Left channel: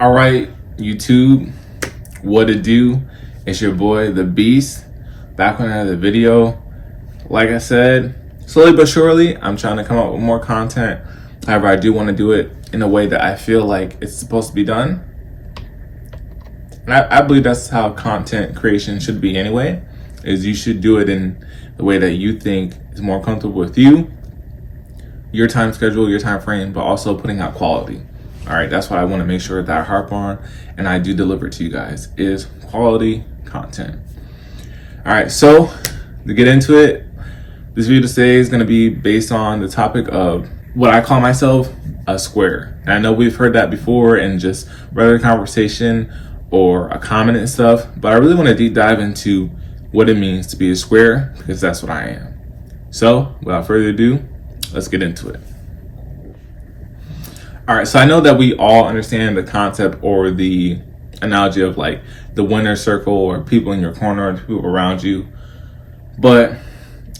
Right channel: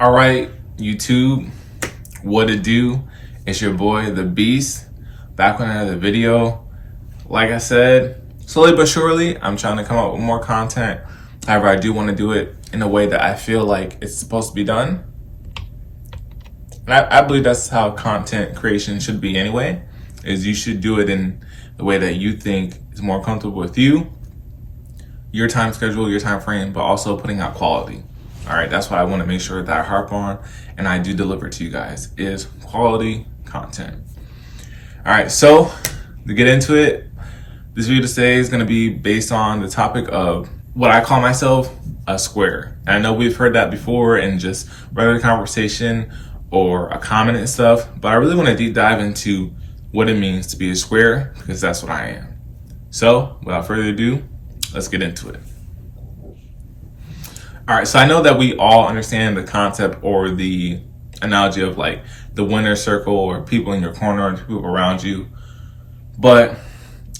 All right, YouTube, what it do? It's your boy, The Beast, back with another video. Like I said, slowly but surely, I'm trying to come up with more content. However, I do want to do it in a way that I feel like it's supposed to be done. And I believe that's how content creation should be anyway, is you should do it in the way that you think is more comfortable with you, your time schedule, your time frame, but also putting out quality. All right, that's what I want to make sure that I harp on and I do deliver to you guys is quality content. All right, so to get into it, this video today is going to be based on the topic of what I call myself a square. And I know we've heard that before in just regular conversation or a comment and stuff, but I really want to deep dive into what it means to be a square because that's what I am. So without further ado, let's get into it. All right, so I know that we all understand the concept or the analogy of like the winner's circle or people in your corner and people around you. But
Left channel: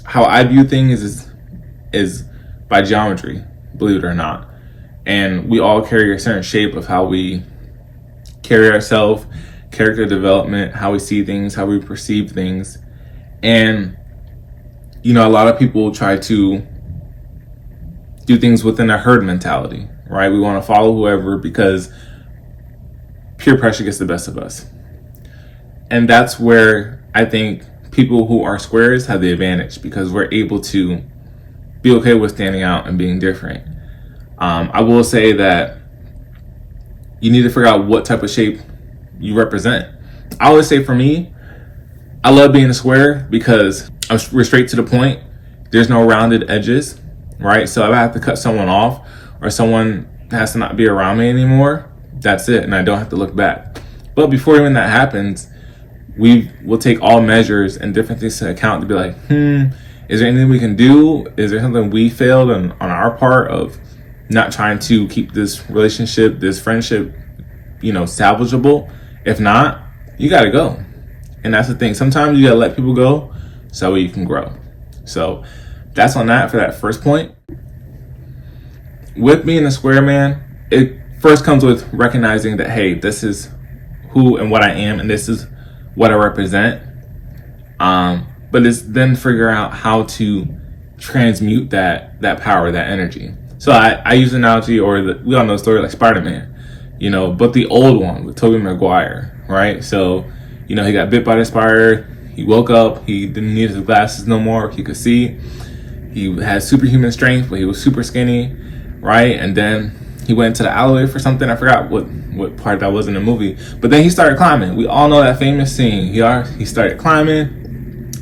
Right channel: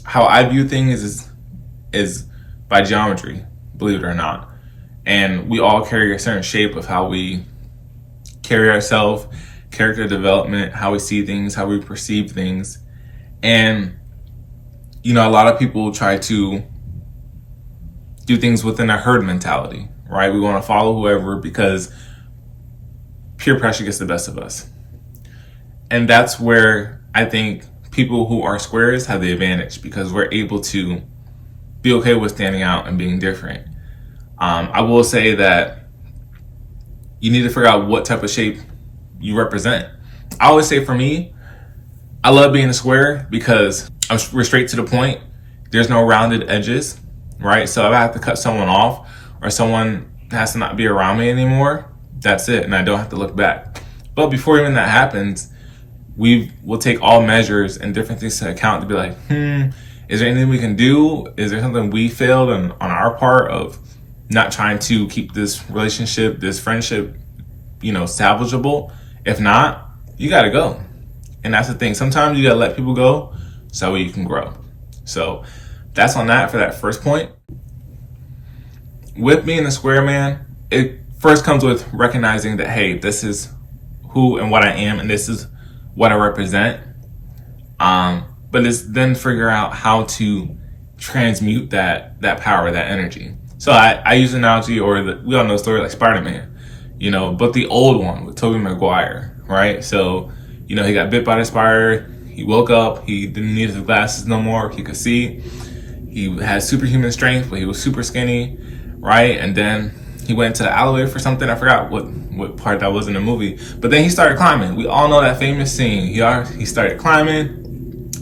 how I view things is by geometry, believe it or not. And we all carry a certain shape of how we carry ourselves, character development, how we see things, how we perceive things. And, you know, a lot of people try to do things within a herd mentality, right? We want to follow whoever because peer pressure gets the best of us. And that's where I think people who are squares have the advantage because we're able to be okay with standing out and being different. I will say that you need to figure out what type of shape you represent. I always say for me, I love being a square because we're straight to the point. There's no rounded edges, right? So if I have to cut someone off or someone has to not be around me anymore, that's it. And I don't have to look back. But before even that happens, we will take all measures and different things to account to be like, is there anything we can do? Is there something we failed on our part of not trying to keep this relationship, this friendship, salvageable? If not, you got to go. And that's the thing. Sometimes you got to let people go so you can grow. So that's on that for that first point. With being a square, man, it first comes with recognizing that, hey, this is who and what I am, and this is what I represent. But it's then figure out how to transmute that power, that energy. So I use an analogy, we all know the story like Spider-Man, but the old one with Tobey Maguire, right? So, he got bit by the spider. He woke up. He didn't need his glasses no more. He could see. He had superhuman strength, but he was super skinny, right? And then he went into the alleyway for something. I forgot what part that was in the movie. But then he started climbing. We all know that famous scene. He started climbing.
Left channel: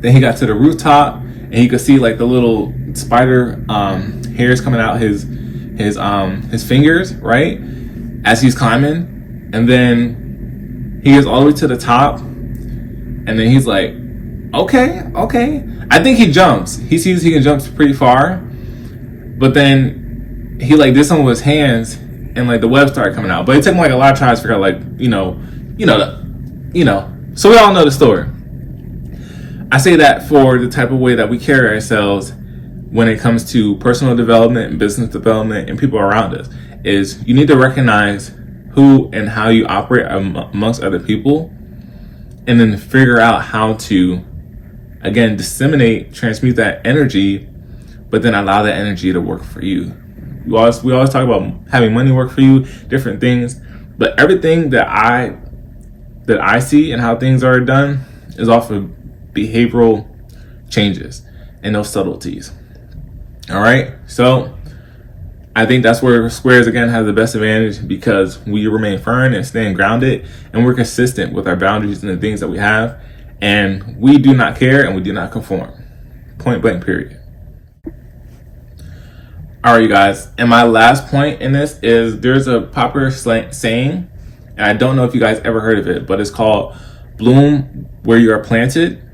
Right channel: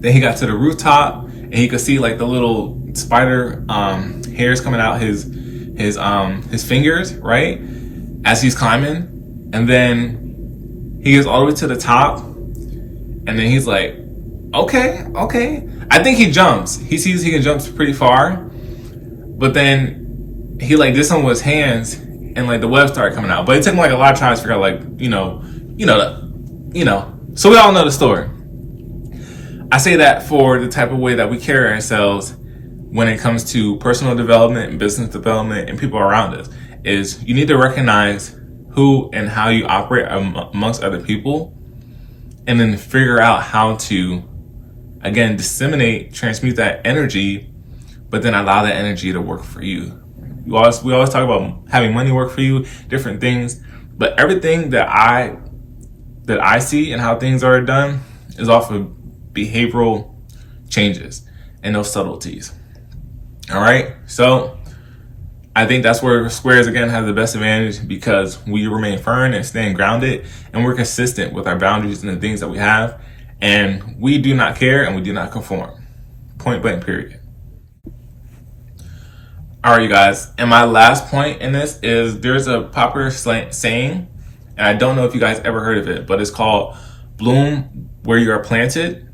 Then he got to the rooftop, and he could see like the little spider hairs coming out his fingers, right? As he's climbing. And then he gets all the way to the top. And then he's like, okay. I think he jumps. He sees he can jump pretty far. But then he like did something with his hands and like the web started coming out. But it took him like a lot of time to figure out So we all know the story. I say that for the type of way that we carry ourselves when it comes to personal development and business development and people around us is you need to recognize who and how you operate amongst other people and then figure out how to, again, transmute that energy, but then allow that energy to work for you. We always talk about having money work for you, different things, but everything that I see and how things are done is off of behavioral changes and those subtleties. All right, so I think that's where squares again have the best advantage because we remain firm and staying grounded, and we're consistent with our boundaries and the things that we have, and we do not care and we do not conform. Point blank, period. All right, you guys, and my last point in this is there's a popular saying, and I don't know if you guys ever heard of it, but it's called bloom where you are planted.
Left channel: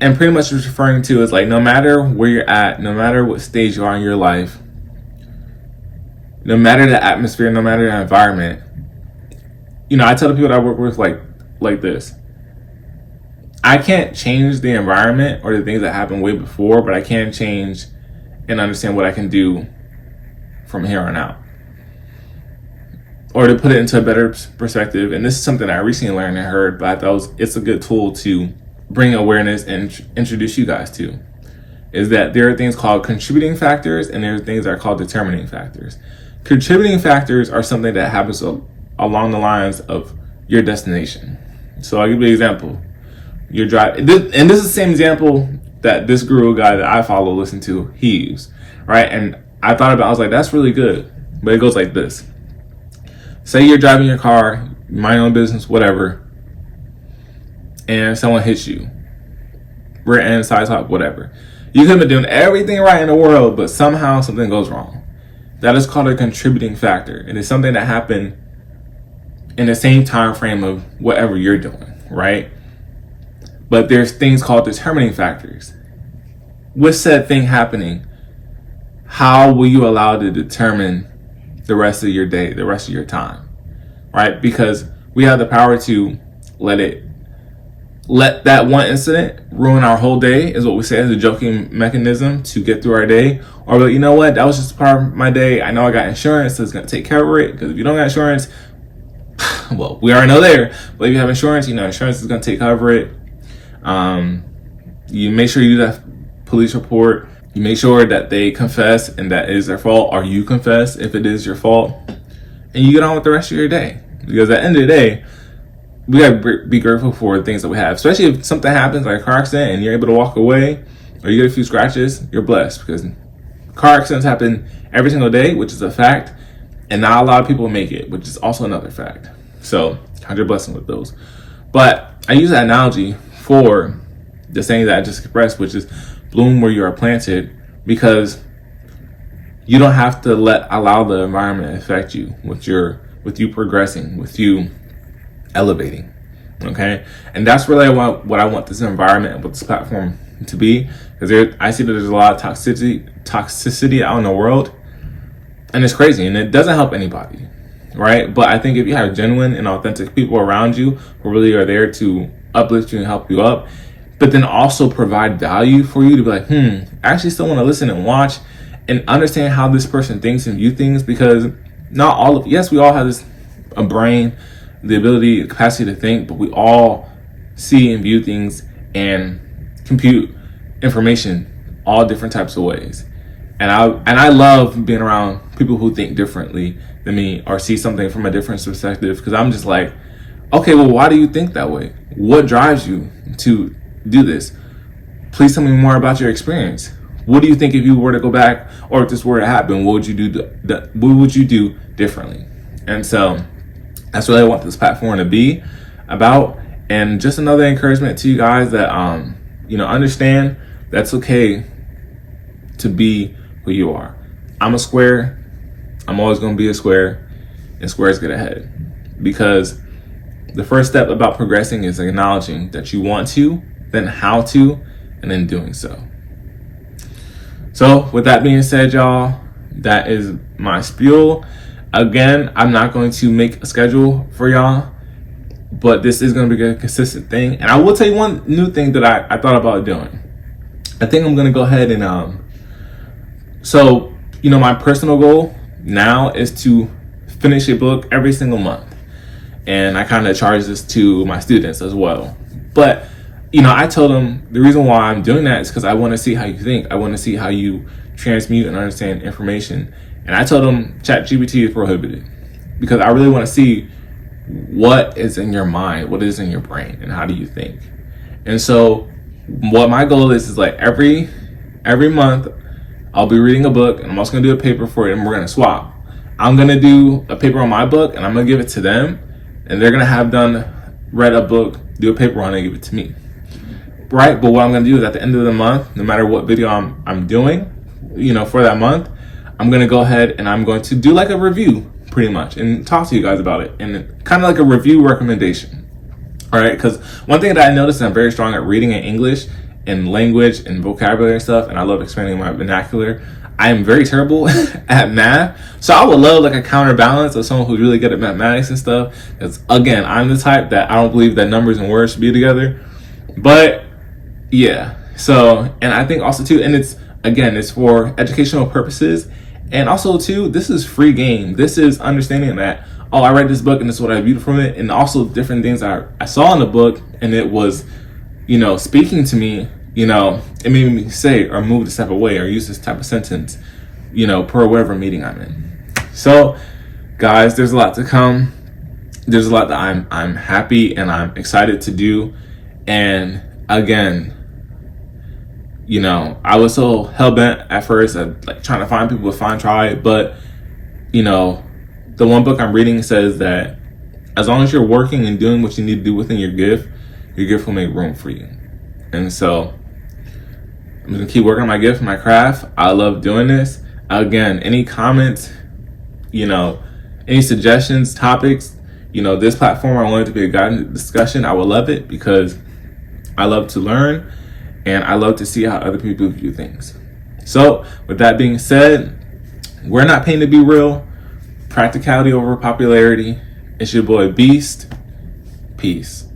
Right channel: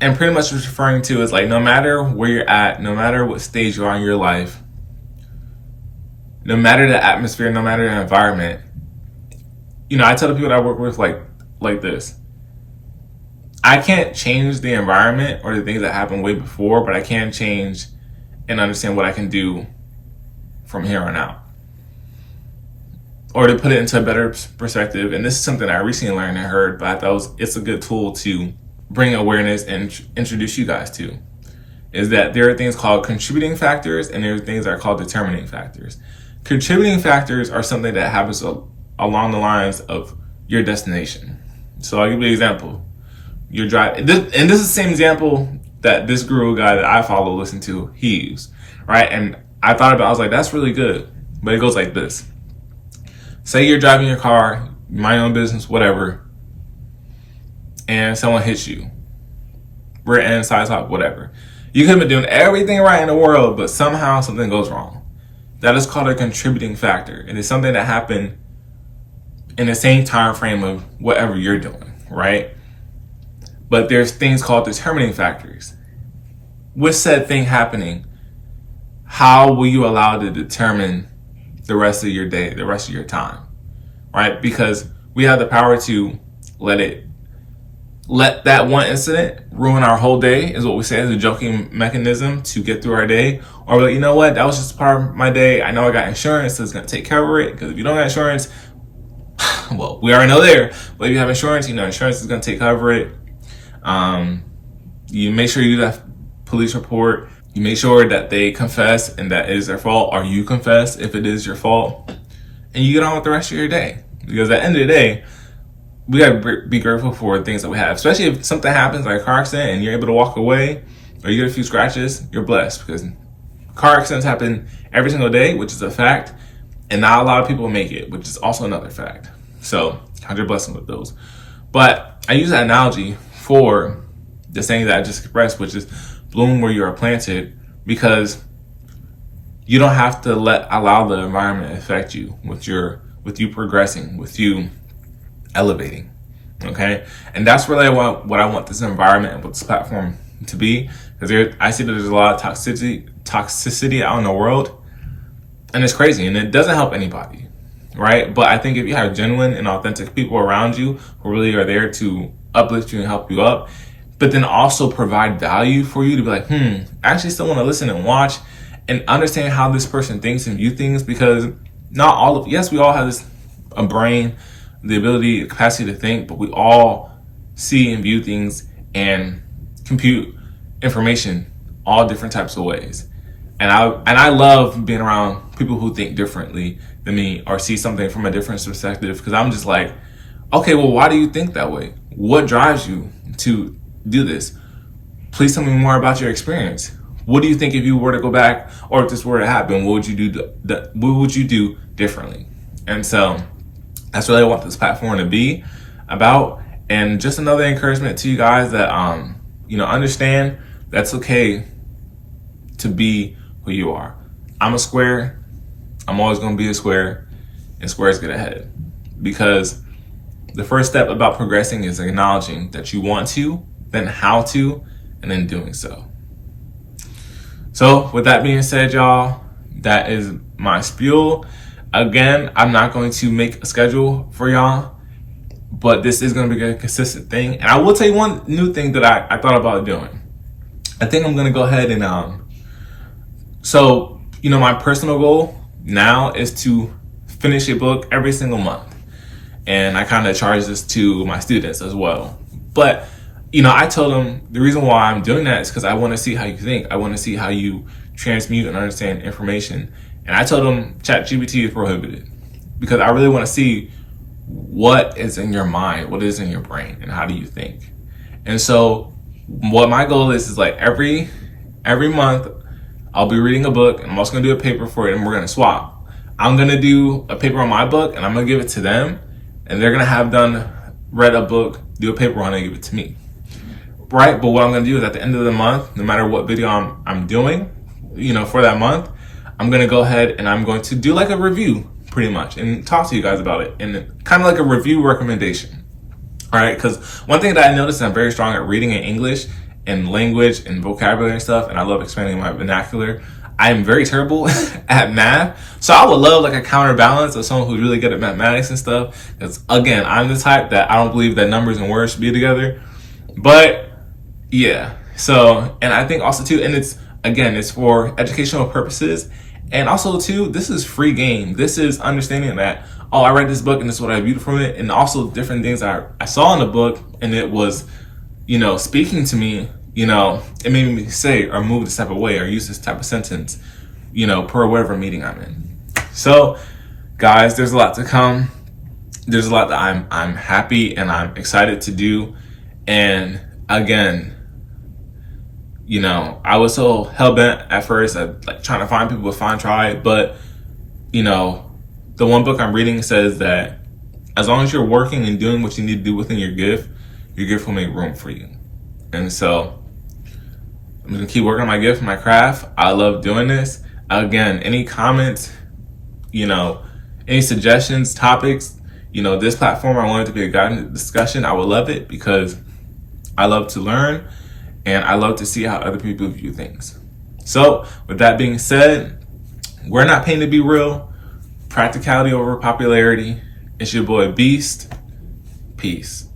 And pretty much what it's referring to is like no matter where you're at, no matter what stage you are in your life, no matter the atmosphere, no matter the environment, I tell the people that I work with like this. I can't change the environment or the things that happened way before, but I can change and understand what I can do from here on out. or to put it into a better perspective, and this is something I recently learned and heard, but I thought it's a good tool to bring awareness and introduce you guys to, is that there are things called contributing factors and there are things that are called determining factors. Contributing factors are something that happens along the lines of your destination. So I'll give you an example. You're driving, and this is the same example that this guru guy that I follow, listen to, he used, right? And I thought about it, I was like, that's really good. But it goes like this. Say you're driving your car, mind your own business, whatever, and someone hits you. Rear end, side top, whatever. You could have been doing everything right in the world, but somehow something goes wrong. That is called a contributing factor. And it's something that happened in the same time frame of whatever you're doing, right? But there's things called determining factors. With said thing happening, how will you allow it to determine the rest of your day, the rest of your time, right? Because we have the power to let that one incident ruin our whole day, is what we say as a joking mechanism to get through our day. Or like, you know what, that was just part of my day. I know I got insurance, so it's gonna take care of it. Because if you don't got insurance, well, we already know there. But if you have insurance, you know insurance is gonna take care of it. You make sure you do that police report. You make sure that they confess and that is their fault, or you confess if it is your fault, and you get on with the rest of your day. Because at the end of the day, we gotta be grateful for the things that we have, especially if something happens like a car accident and you're able to walk away, or you get a few scratches. You're blessed, because car accidents happen every single day, which is a fact, and not a lot of people make it, which is also another fact. So count your blessing with those. But I use that analogy for the saying that I just expressed, which is bloom where you are planted, because you don't have to allow the environment affect you with you progressing, with you elevating. Okay, and that's really what I want this environment and what this platform to be, because I see that there's a lot of toxicity out in the world, and it's crazy, and it doesn't help anybody, right? But I think if you have genuine and authentic people around you who really are there to uplift you and help you up, but then also provide value for you to be like, I actually still want to listen and watch and understand how this person thinks and view things, because not all of, yes, we all have a brain, the ability, the capacity to think, but we all see and view things and compute information all different types of ways. And I love being around people who think differently than me or see something from a different perspective, because I'm just like, okay, well, why do you think that way? What drives you to do this? Please tell me more about your experience. What do you think if you were to go back, or if this were to happen, what would you do? What would you do differently? And so that's what I want this platform to be about. And just another encouragement to you guys that understand that's okay to be who you are. I'm a square. I'm always going to be a square, and squares get ahead, because the first step about progressing is acknowledging that you want to, then how to, and then doing so. So with that being said, y'all, that is my spiel. Again, I'm not going to make a schedule for y'all, but this is going to be a consistent thing. And I will tell you one new thing that I thought about doing. I think I'm going to go ahead and, my personal goal now is to finish a book every single month. And I kind of charge this to my students as well. But, I told them the reason why I'm doing that is because I want to see how you think. I want to see how you transmute and understand information. And I told them ChatGPT is prohibited, because I really want to see what is in your mind, what is in your brain, and how do you think. And so what my goal is like every month I'll be reading a book, and I'm also going to do a paper for it, and we're going to swap. I'm going to do a paper on my book, and I'm going to give it to them, and they're going to have read a book, do a paper on it, and give it to me. Right? But what I'm going to do is at the end of the month, no matter what video I'm doing, for that month, I'm going to go ahead and I'm going to do like a review pretty much and talk to you guys about it, and kind of like a review recommendation. All right? Because one thing that I noticed, I'm very strong at reading in English and language and vocabulary and stuff, and I love expanding my vernacular. I am very terrible at math, so I would love like a counterbalance of someone who's really good at mathematics and stuff, because again, I'm the type that I don't believe that numbers and words should be together. But yeah, so, and I think also too, and it's for educational purposes, and also too, this is free game. This is understanding that oh, I read this book and this is what I viewed from it, and also different things I saw in the book, and it was, speaking to me, it made me say or move this type of way or use this type of sentence, per whatever meeting I'm in. So, guys, there's a lot to come. There's a lot that I'm happy and I'm excited to do. And again, I was so hell-bent at first at like trying to find people to find try, but the one book I'm reading says that as long as you're working and doing what you need to do within your gift will make room for you. And so I'm gonna keep working on my gift, my craft. I love doing this. Again, any comments, any suggestions, topics, this platform, I want it to be a guided discussion. I would love it because I love to learn and I love to see how other people view things. So with that being said, we're not paying to be real. Practicality over popularity. It's your boy Beast. Peace.